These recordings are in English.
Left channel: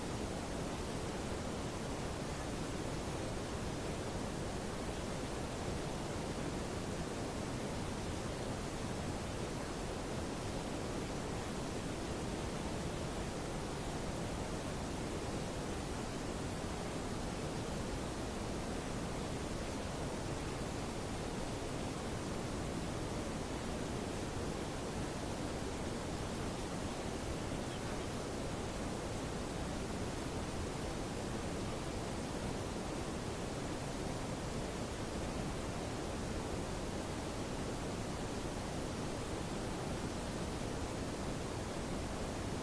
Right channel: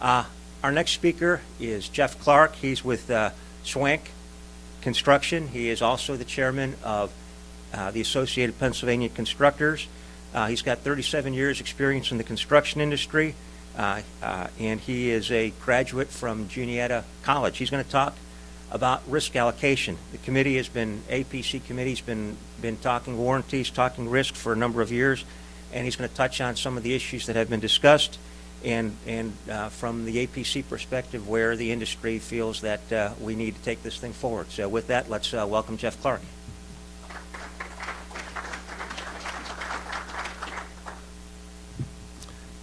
Our next speaker is Geoff Clarke. He's with Swank Construction. He is also the chairman of the Associated Pennsylvania Constructors. He's got 37 years experience in the construction industry, and he is a graduate from Juniata College. He's going to talk about risk allocation. The committee has been, APC committee's been talking warranties, talking risk for a number of years, and he's going to touch on some of the issues that have been discussed and from the APC perspective where the industry feels that we need to take this thing forward. So with that, let's welcome Geoff Clarke.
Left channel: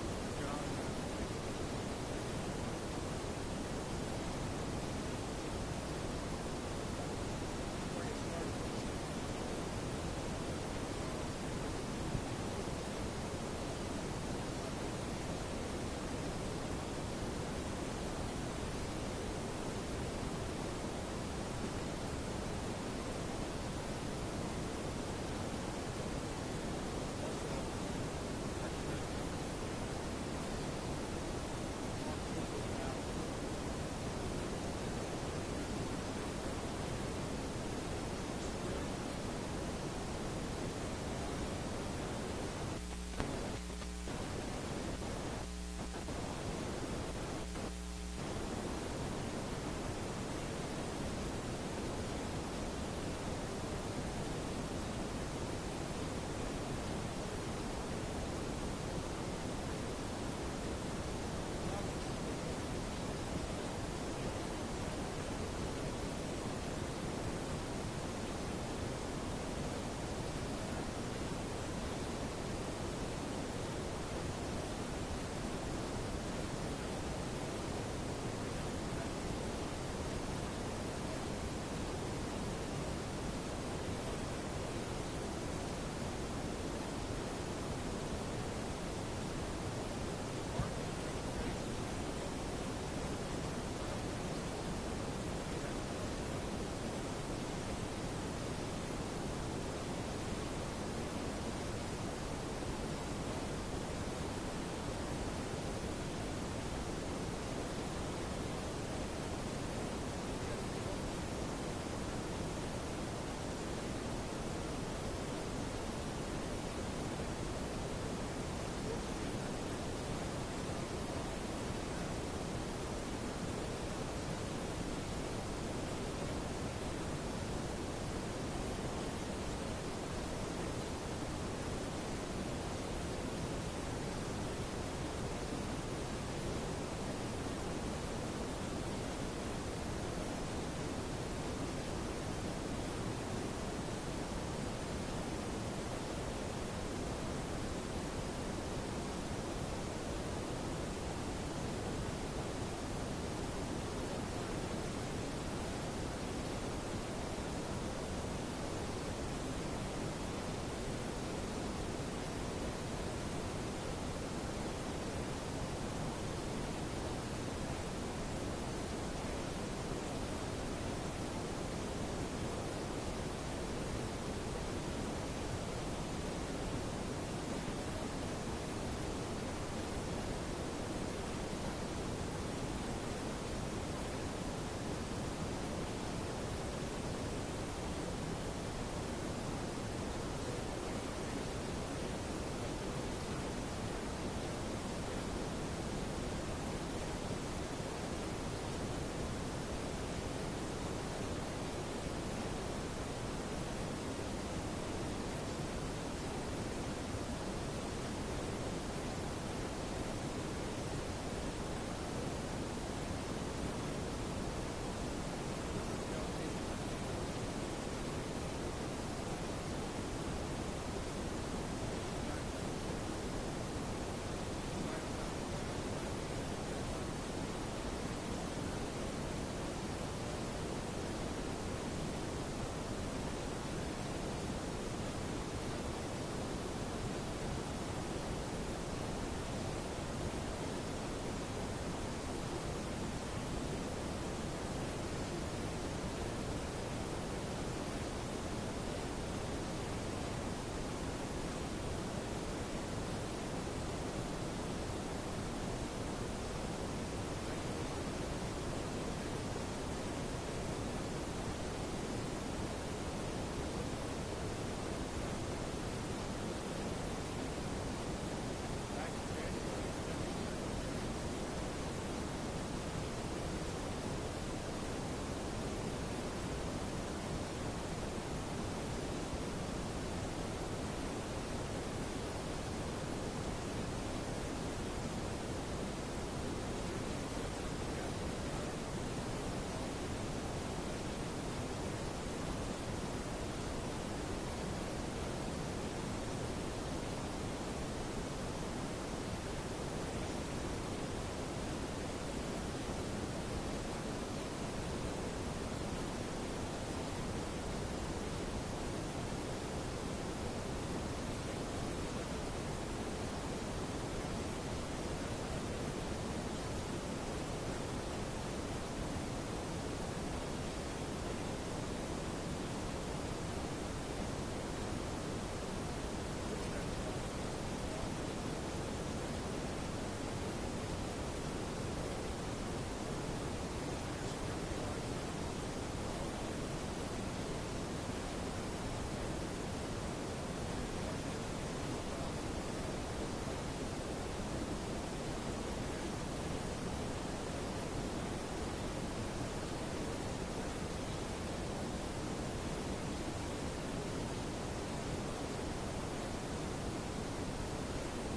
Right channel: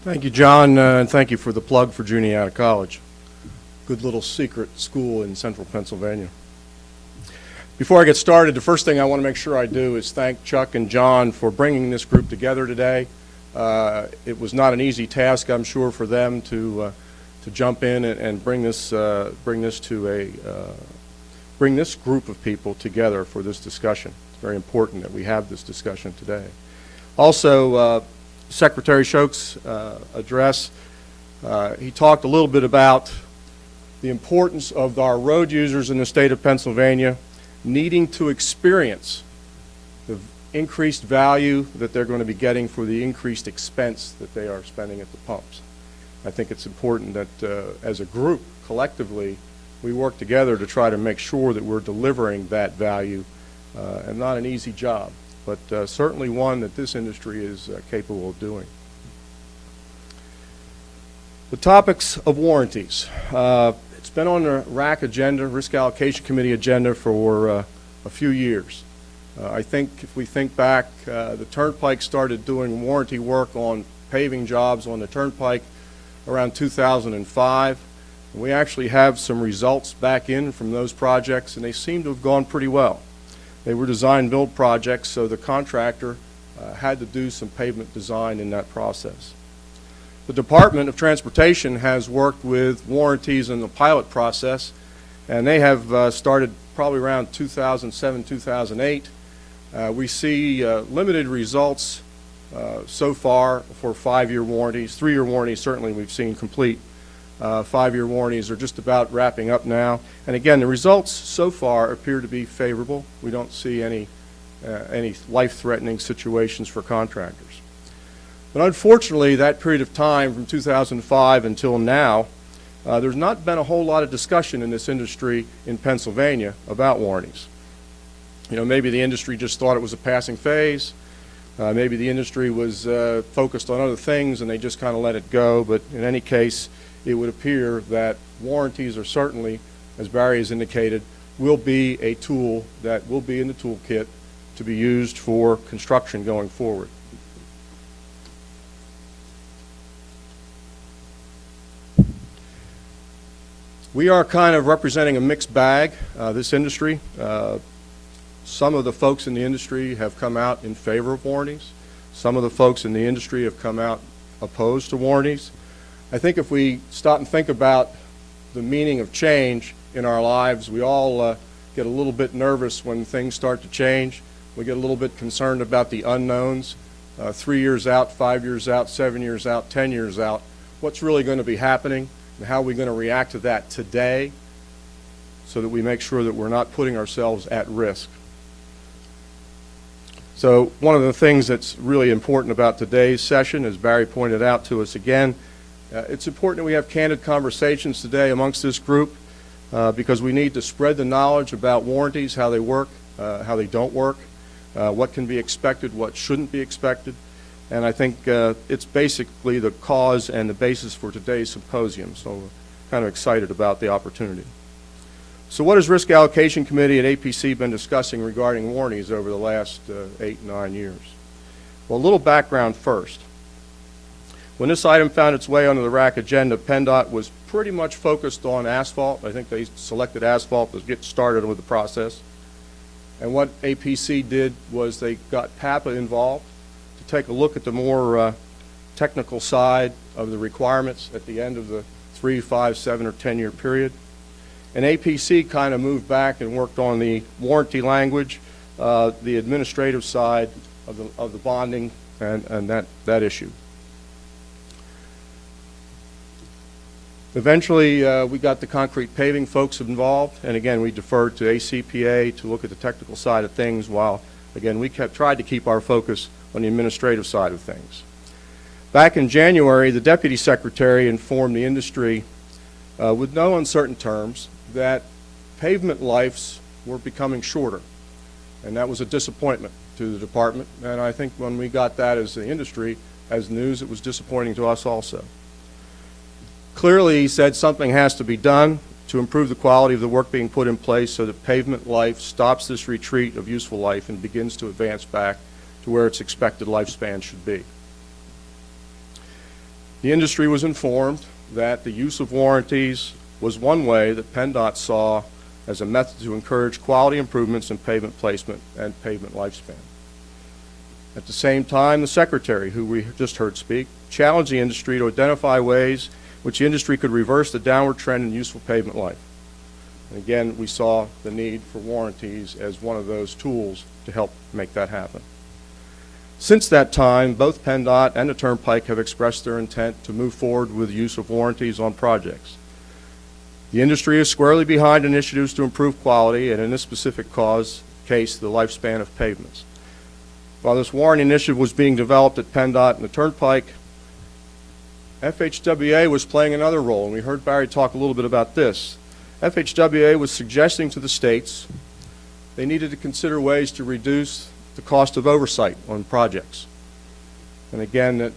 Thank you, John, and thank you for the plug for Juniata College. Good little secret school in central Pennsylvania. Before I get started, the first thing I want to make sure I do is thank Chuck and John for bringing this group together today. It was not an easy task, I'm sure, for them to jump in and bring this group of people together for this discussion. It's very important that we have this discussion today. Also, Secretary Shouk's address, he talked a little bit about the importance of our road users in the state of Pennsylvania needing to experience the increased value that they're going to be getting for the increased expense that they are spending at the pumps. I think it's important that as a group, collectively, we work together to try to make sure that we're delivering that value, and not an easy job, but certainly one that this industry is capable of doing. The topics of warranties. It's been on the RAC agenda, Risk Allocation Committee agenda, for a few years. I think if we think back, the Turnpike started doing warranty work on paving jobs on the Turnpike around 2005. We actually have some results back in from those projects, and they seem to have gone pretty well. They were design-build projects, so the contractor had to do some pavement design in that process. The Department of Transportation has worked with warranties in the pilot process, and they have started probably around 2007, 2008. We see limited results so far for 5-year warranties. 3-year warranties certainly we've seen complete. 5-year warranties are just about wrapping up now. And again, the results so far appear to be favorable. We don't see any life-threatening situations for contractors. But unfortunately, that period of time from 2005 until now, there's not been a whole lot of discussion in this industry in Pennsylvania about warranties. You know, maybe the industry just thought it was a passing phase. Maybe the industry was focused on other things and they just kind of let it go. But in any case, it would appear that warranties are certainly, as Barry has indicated, will be a tool that will be in the toolkit to be used for construction going forward. We are kind of representing a mixed bag, this industry. Some of the folks in the industry have come out in favor of warranties. Some of the folks in the industry have come out opposed to warranties. I think if we stop and think about the meaning of change in our lives, we all get a little bit nervous when things start to change. We get a little bit concerned about the unknowns. 3 years out, 5 years out, 7 years out, 10 years out. What's really going to be happening? And how are we going to react to that today so that we make sure that we're not putting ourselves at risk. So one of the things that's really important about today's session, as Barry pointed out to us again, it's important that we have candid conversations today amongst this group because we need to spread the knowledge about warranties, how they work, how they don't work, what can be expected, what shouldn't be expected. And I think it's basically the cause and the basis for today's symposium. So I'm kind of excited about the opportunity. So what has Risk Allocation Committee at APC been discussing regarding warranties over the last 8, 9 years? Well, a little background first. When this item found its way onto the RAC agenda, PennDOT was pretty much focused on asphalt. I think they selected asphalt to get started with the process. And what APC did was they got PAPA involved to take a look at the more technical side of the requirements at the end of the 3, 5, 7, or 10-year period. And APC kind of moved back and worked on the warranty language, the administrative side of the bonding, and that issue. Eventually, we got the concrete paving folks involved, and again, we deferred to ACPA to look at the technical side of things while, again, we tried to keep our focus on the administrative side of things. Back in January, the Deputy Secretary informed the industry with no uncertain terms that pavement lives were becoming shorter, and that was a disappointment to the department, and I think when we got that as the industry, as news, it was disappointing to us also. Clearly, he said something has to be done to improve the quality of the work being put in place so that pavement life stops this retreat of useful life and begins to advance back to where its expected lifespan should be. The industry was informed that the use of warranties was one way that PennDOT saw as a method to encourage quality improvements in pavement placement and pavement lifespan. At the same time, the Secretary, who we just heard speak, challenged the industry to identify ways which the industry could reverse the downward trend in useful pavement life. Again, we saw the need for warranties as one of those tools to help make that happen. Since that time, both PennDOT and the Turnpike have expressed their intent to move forward with the use of warranties on projects. The industry is squarely behind initiatives to improve quality and, in this specific case, the lifespan of pavements. While this warranty initiative was being developed at PennDOT and the Turnpike, FHWA was playing another role, and we heard Barry talk a little bit about this. FHWA was suggesting to the states they needed to consider ways to reduce the cost of oversight on projects. And again, that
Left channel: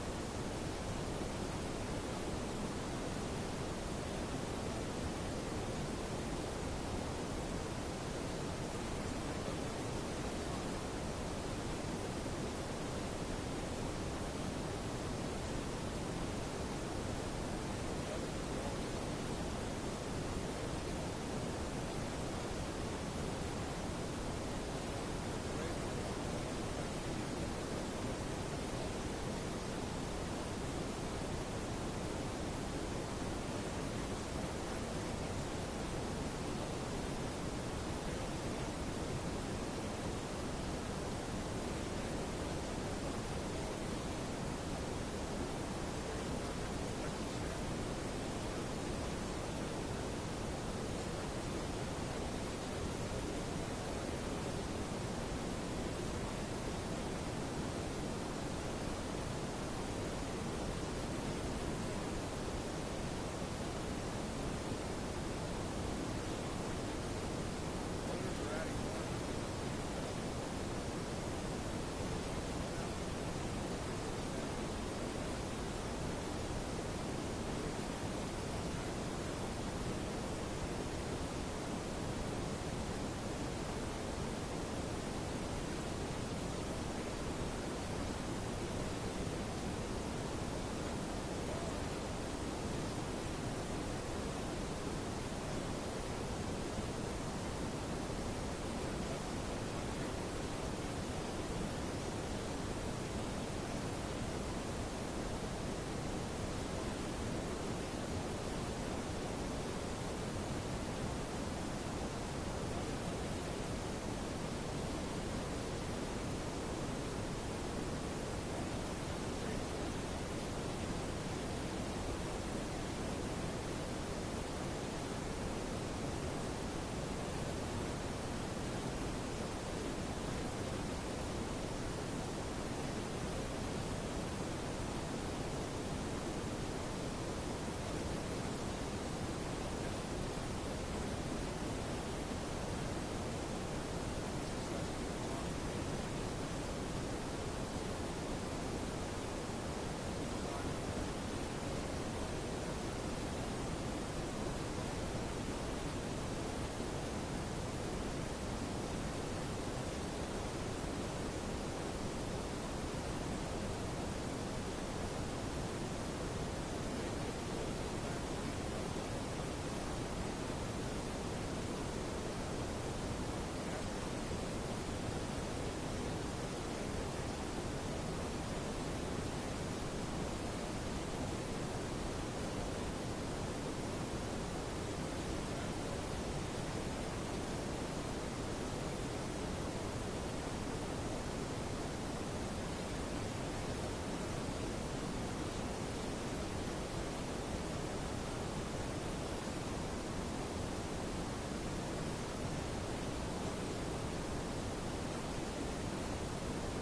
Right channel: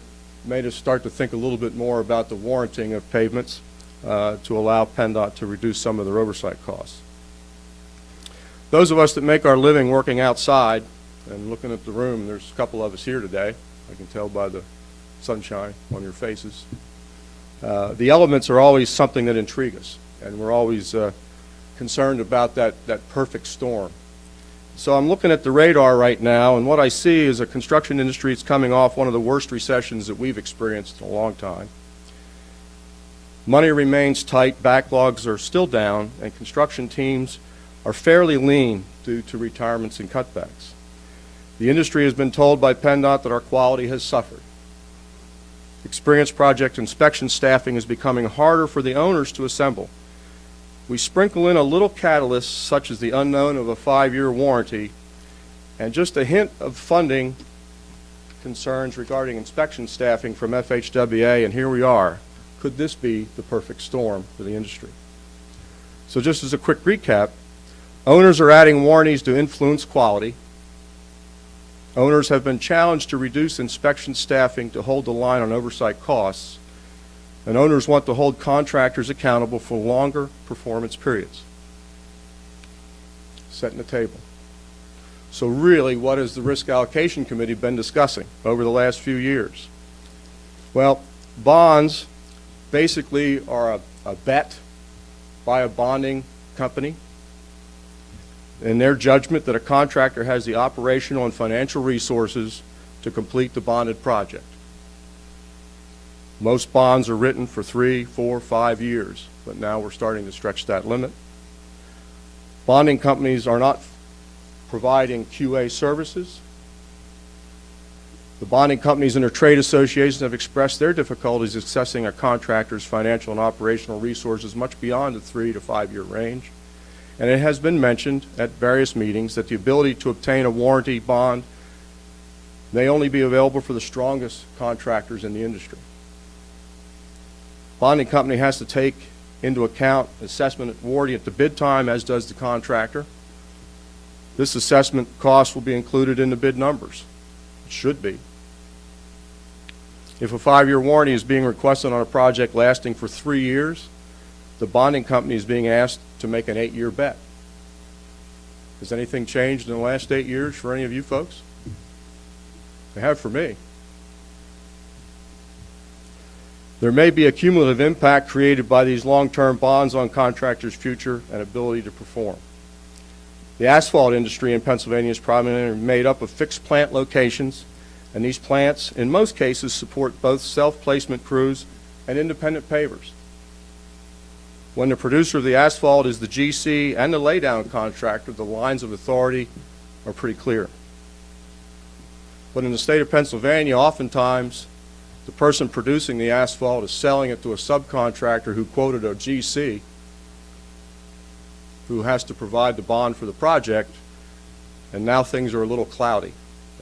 made us start to think a little bit more about the warranting of pavements to allow PennDOT to reduce some of their oversight costs. Those of us that make our living working outside, and looking at the room, there's a couple of us here today. You can tell by the sunshine on your faces. The elements are always something that intrigue us, and we're always concerned about that perfect storm. So I'm looking at the radar right now, and what I see is a construction industry that's coming off one of the worst recessions that we've experienced in a long time. Money remains tight, backlogs are still down, and construction teams are fairly lean due to retirements and cutbacks. The industry has been told by PennDOT that our quality has suffered. Experienced project inspection staffing is becoming harder for the owners to assemble. We sprinkle in a little catalyst, such as the unknown of a 5-year warranty, and just a hint of funding concerns regarding inspection staffing from FHWA, and here we are. Could this be the perfect storm for the industry? So just as a quick recap, owners are adding warranties to influence quality. Owners have been challenged to reduce inspection staffing to hold the line on oversight costs, and owners want to hold contractors accountable for longer performance periods. Setting the table. So really, what has the Risk Allocation Committee been discussing over the last few years? Well, bonds basically are a bet by a bonding company in their judgment that a contractor has the operational and financial resources to complete the bonded project. Most bonds are written for 3, 4, 5 years, but now we're starting to stretch that limit. Bonding companies are not providing QA services. The bonding companies and their trade associations have expressed their difficulties assessing a contractor's financial and operational resources much beyond the 3 to 5 year range. And it has been mentioned at various meetings that the ability to obtain a warranty bond may only be available for the strongest contractors in the industry. Bonding company has to take into account assessment warranty at the bid time, as does the contractor. This assessment cost will be included in the bid numbers. It should be. If a 5-year warranty is being requested on a project lasting for 3 years, the bonding company is being asked to make an 8-year bet. Has anything changed in the last 8 years for any of you folks? They have for me. There may be a cumulative impact created by these long-term bonds on contractors' future and ability to perform. The asphalt industry in Pennsylvania is primarily made up of fixed plant locations, and these plants, in most cases, support both self-placement crews and independent pavers. When the producer of the asphalt is the GC and the laydown contractor, the lines of authority are pretty clear. But in the state of Pennsylvania, oftentimes, the person producing the asphalt is selling it to a subcontractor who quoted a GC who has to provide the bond for the project, and now things are a little cloudy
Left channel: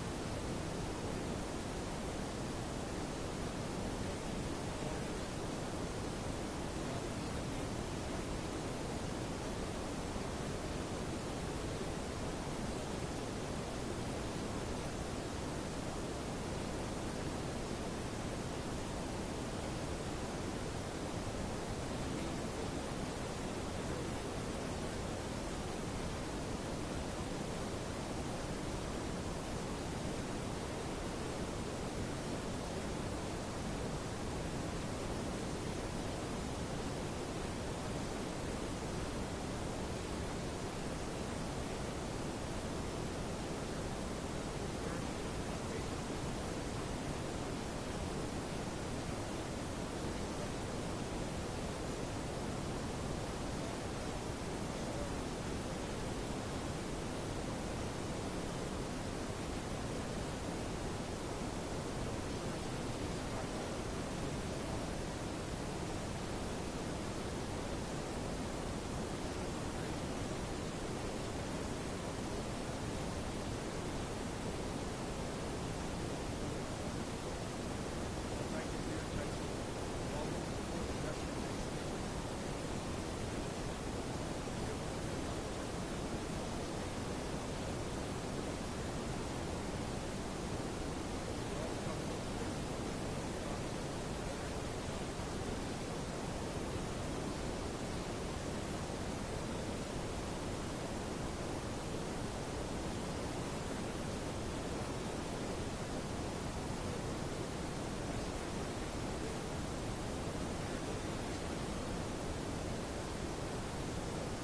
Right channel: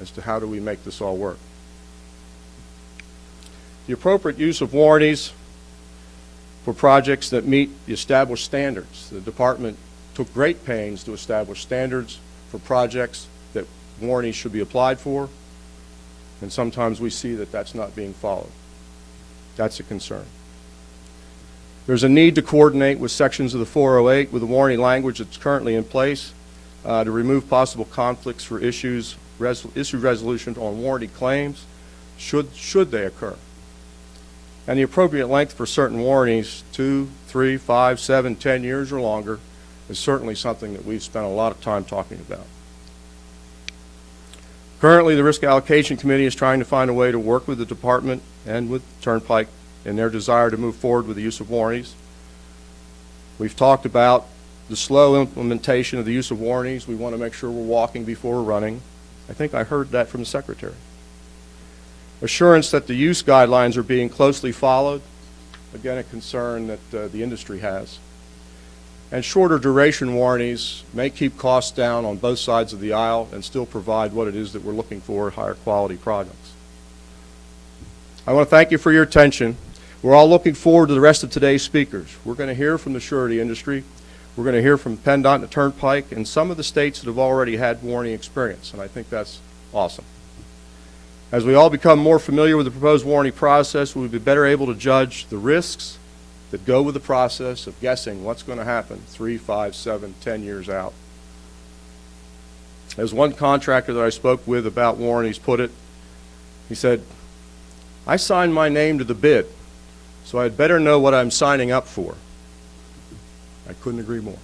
as to how do we make this all work. The appropriate use of warranties for projects that meet the established standards. The department took great pains to establish standards for projects that warranties should be applied for, and sometimes we see that that's not being followed. That's a concern. There's a need to coordinate with sections of the 408 with the warranty language that's currently in place to remove possible conflicts for issue resolution on warranty claims should they occur. And the appropriate length for certain warranties, 2, 3, 5, 7, 10 years or longer, is certainly something that we've spent a lot of time talking about. Currently, the Risk Allocation Committee is trying to find a way to work with the department and with Turnpike in their desire to move forward with the use of warranties. We've talked about the slow implementation of the use of warranties. We want to make sure we're walking before we're running. I think I heard that from the Secretary. Assurance that the use guidelines are being closely followed, again a concern that the industry has. And shorter duration warranties may keep costs down on both sides of the aisle and still provide what it is that we're looking for, higher quality projects. I want to thank you for your attention. We're all looking forward to the rest of today's speakers. We're going to hear from the surety industry. We're going to hear from PennDOT and the Turnpike and some of the states that have already had warranty experience, and I think that's awesome. As we all become more familiar with the proposed warranty process, we'll be better able to judge the risks that go with the process of guessing what's going to happen 3, 5, 7, 10 years out. As one contractor that I spoke with about warranties put it, he said, "I signed my name to the bid, so I'd better know what I'm signing up for." I couldn't agree more.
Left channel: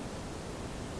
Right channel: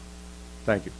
Thank you.